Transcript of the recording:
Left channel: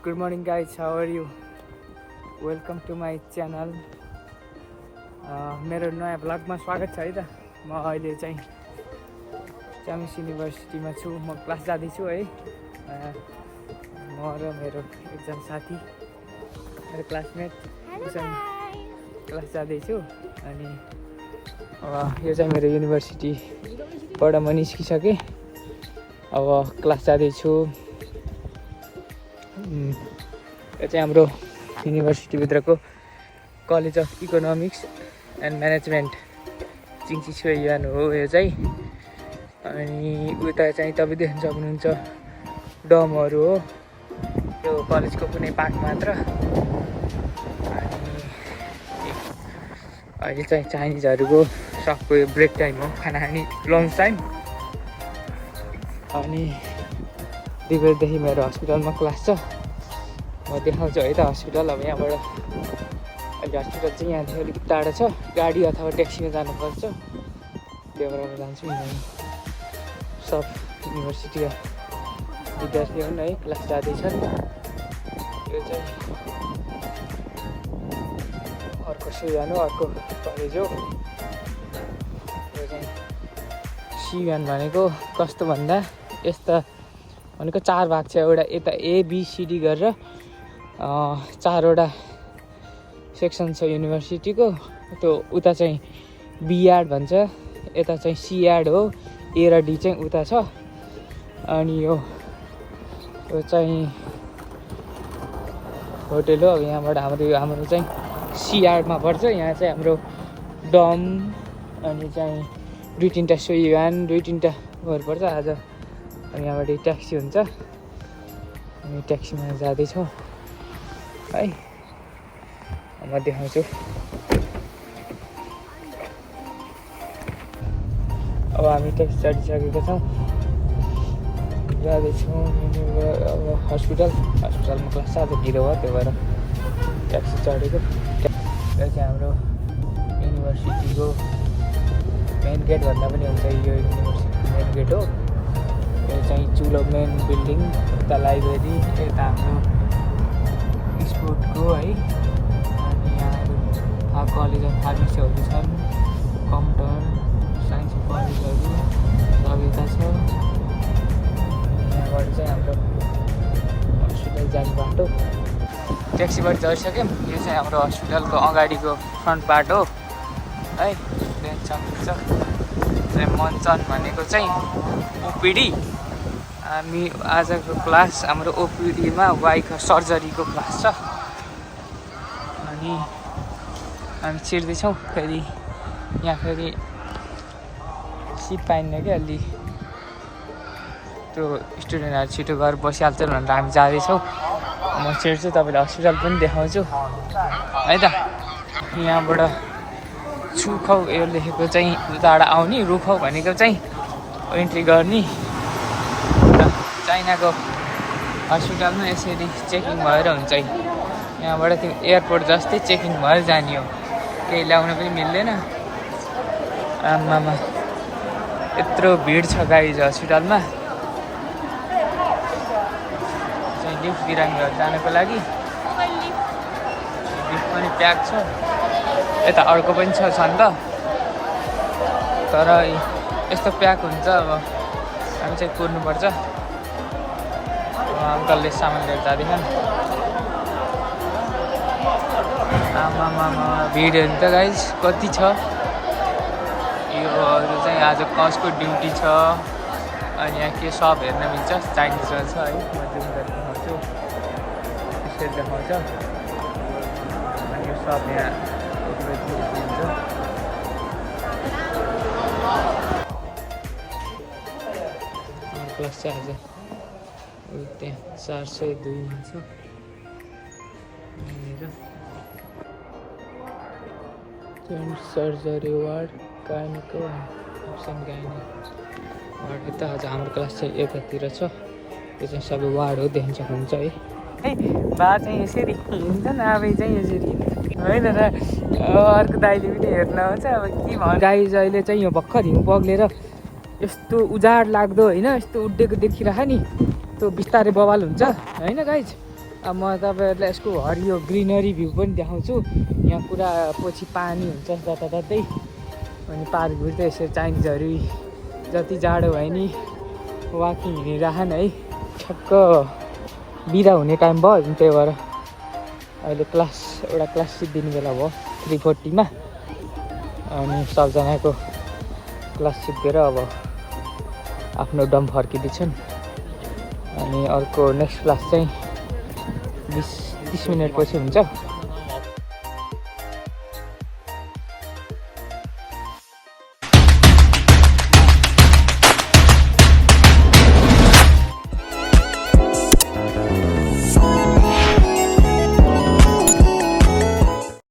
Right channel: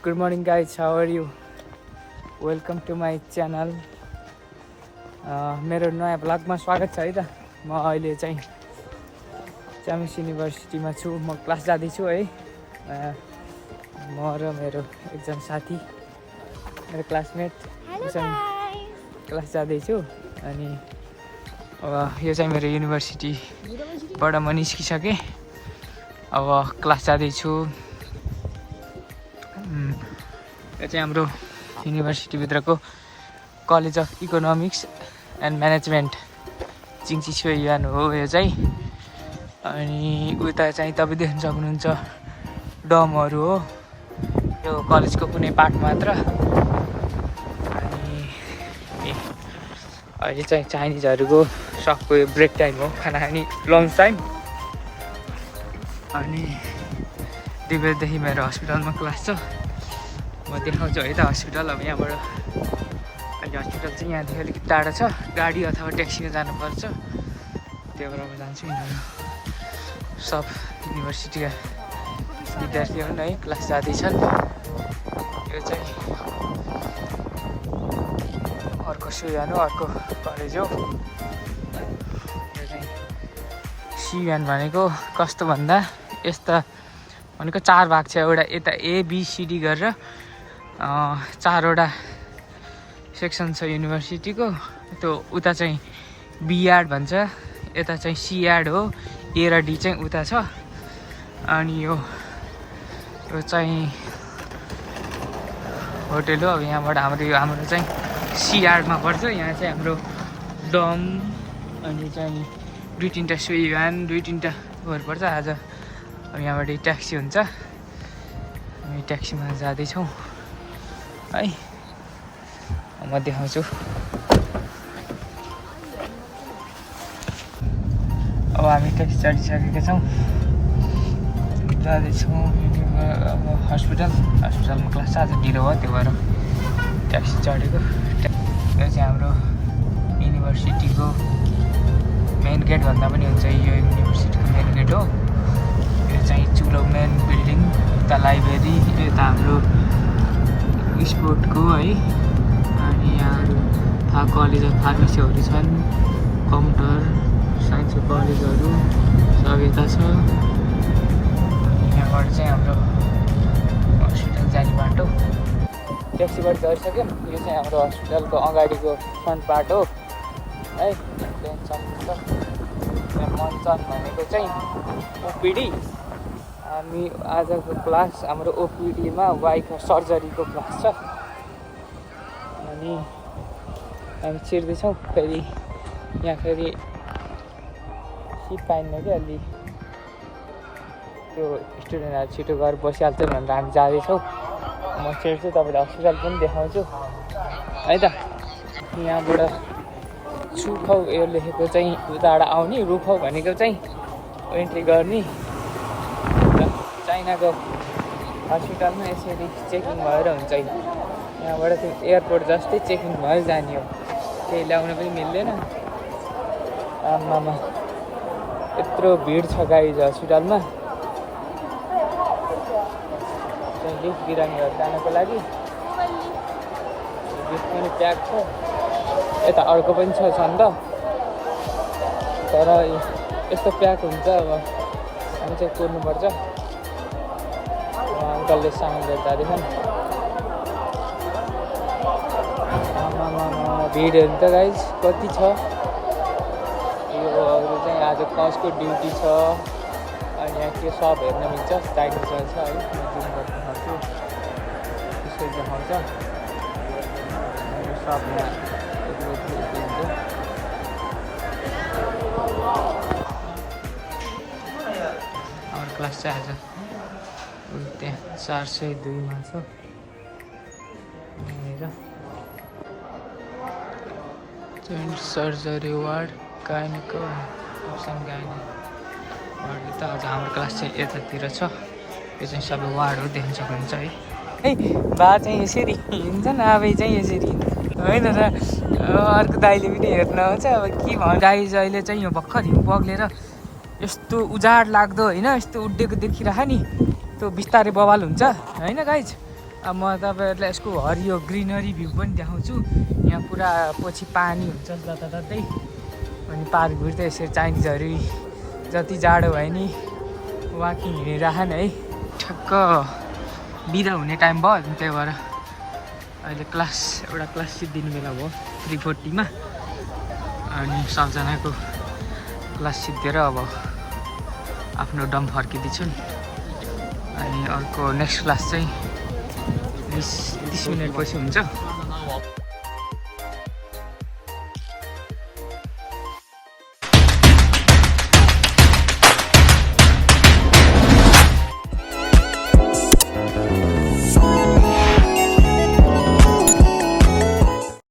Good morning guys, how are you? Welcome to my channel. मेरो नयाँ भ्लगमा स्वागत छ है त। म अहिले चाहिँ च्याम्स युनिभर्सिटीमा छु। म क्लास जाँदैछु है। म र मेरो एकजना साथी, मेरो क्लासमेट सँग क्लास जाँदैछु। अनि यो चाहिँ मेरो युनिभर्सिटीबाट म निस्किसकेँ। अब क्लास जाँदैछु। यो चाहिँ हाम्रो युनिभर्सिटीभित्रको college of economics and management चिङचिछुयान हो यो चाहिँ। अनि उता चाहिँ तपाईँ देख्न सक्नुहुन्छ डमहरू हो। यो कलेजको कुनै पार्ट मात्र। अनि अहिले चाहिँ चाइनिजहरूको सबको ब्रेक टाइम हो, खाना खाने लन्च टाइम। अनि 2 बजेदेखि मेरो हस्पिटलमा क्लास छ। म देखाउँछु है त हस्पिटल। अब यहाँबाट अहिले हस्पिटल चाहिँ यहाँदेखि अलिकति टाढा छ। गाडी अथवा ट्याक्सीमा जानुपर्छ। त्यहाँबाट म जान्छु। सब युनिभर्सिटीका विद्यार्थी हुन् है, क्लास जाँदैछन्। यो चाहिँ अर्को सुयान हो, अर्को कलेज हो। यो चाहिँ सियुएन भनेको कस्तो भन्दा यस्ता भनेको 4 भाग छ। एउटा यता ABCD गरेर 4वटा सेक्सन छ युनिभर्सिटीको। त्यो उता चाहिँ बिएड भन्छ, यता चाहिँ सिएड हो। A र D चाहिँ उता छ। अनि यो चाहिँ होटेल हो। अब यहाँबाट हाम्रो चाहिँ सिएडमा पर्छ। यहाँ चाहिँ हाम्रो डम अनि चाहिँ 2-3टा सुयुएन, 2-3टा गर्नुपर्छ आज। अब यहाँबाट ट्याक्सी हुन्छ। हामी ट्याक्सीमा जाँदैछौँ है। म देखाउँछु। अब हामी ट्याक्सी चढिसकेका छौँ, जाँदैछौँ अब हस्पिटलमा क्लास आज ढिलो भयो, त्यो भएर ट्याक्सी चढेको। यो चाहिँ हाम्रो युनिभर्सिटीको मेन गेट भन्दा पनि हुन्छ। यो युनिभर्सिटीको मेन गेट हो। यो चाहिँ चुलो मेन बिल्डिङ, यता लाइब्रेरी, यता हाम्रो स्पोर्टको है। अनि यहाँहरू कलेज अफ फार्मेसीहरू छन्, कम्प्युटर साइन्सको कलेजहरू सब यता छ। यहाँबाट चाहिँ हाम्रो हस्पिटल जाने बाटो। ट्याक्सीबाट चढिसक्यौँ। यो चाहिँ हाम्रो हस्पिटलको अगाडिको फ्रन्ट पार्ट हो है। देख्न सक्नुहुन्छ मञ्चन भनेको चाहिँ ओपिडी। हामी आजको क्लास हाम्रो ओपिडीमा वाइको सर्जरीको क्लास छ। अनि हामी छिर्दैछौँ। फेरि यहाँ फेरि सिट पाइन्न क्या, अलि त्यो स्टुडेन्टहरू छिटो गएर बसिहाल्छन् भनेर हामी जाँदैछौँ। म छिर्छु, तपाईँलाई हस्पिटल पनि देखाउँछु है त। यहाँबाट छुखौ यो लेखेको चाहिँ उताबाट आउने, रुखौ भनेको चाहिँ एन्ट्री गर्ने। चाइनाको हस्पिटलमा यसरी चेकिङ भएर हुन्छ। यहाँबाट त्यो एयरपोर्ट जस्तै चेकिङ भएर जाने हो, केही ल्याउन पनि मिल्दैन। आमामा यत्रो भिड छ गाइज हस्पिटलमा। चाहिँ लिफ्ट बिरामीहरू जानको लागि लिफ्ट पनि प्याक छ। यता अर्को पनि छ नि त, तर यस्तो प्याक हुन्छ। अब हामी चाहिँ कुर्नुपर्छ। अङ्कलले सामान लिएर जाँदैछन्। आमामा भिडहरू त गाइज कति छ। योहरू चाहिँ आज कसको ड्युटी छ। अनि यहाँ के सब हेर्न मिल्छ। चाइनिजमा छ है, म जुन देखाउँछु त्यसरी देखाउँछ। यो सब यहाँ हाम्रो क्लास चाहिँ आज त्यहाँ 402मा छ। जोइन्ट सर्जरी वार्ड, गाइनीको अप्सन गाइनी वार्ड। त आज हाम्रो क्लास चाहिँ यतातिर छ। यो चाहिँ सबै वार्ड हो, देख्न सक्नुहुन्छ है। बा चाहिँ यसरी हिँड्छ न, आबै चाहिँ यसरी होइन र। अर्को दाइले पनि हेर्न आउँछ। अब के भन्नु गाइज, अहिले चाहिँ यो भर्खर हिउँ बग्लेर यस्तो उजाड लाग्दो होइन, यस्तो उड्डेको देखिरह नि। त्यो बिस्तारै बवाल हुन्छ होइन गाइज। अब म तपाईँहरूलाई यसको हरियो ग्रिनरी भ्यू पनि देखाउँछु। यहाँ पुरा पछि पानी हुन्छ जताततै। अनि पार्कभित्र त यसरी चाइनिजहरू जति जाडो भयो नि वाकिङ हिँडिरहन् है। ठ्याक्क बिदा हुने टाइम भयो, त्यही भएर अहिले एउटा क्लास सिद्धिने बेला भयो 3:40 अनि सबजनाको क्लास सिद्धिएर अब आफ्नो डम फर्किँदैछन्। अनि अर्को नेक्स्ट क्लास चाहिँ 20-30 मिनटपछि हुन्छ।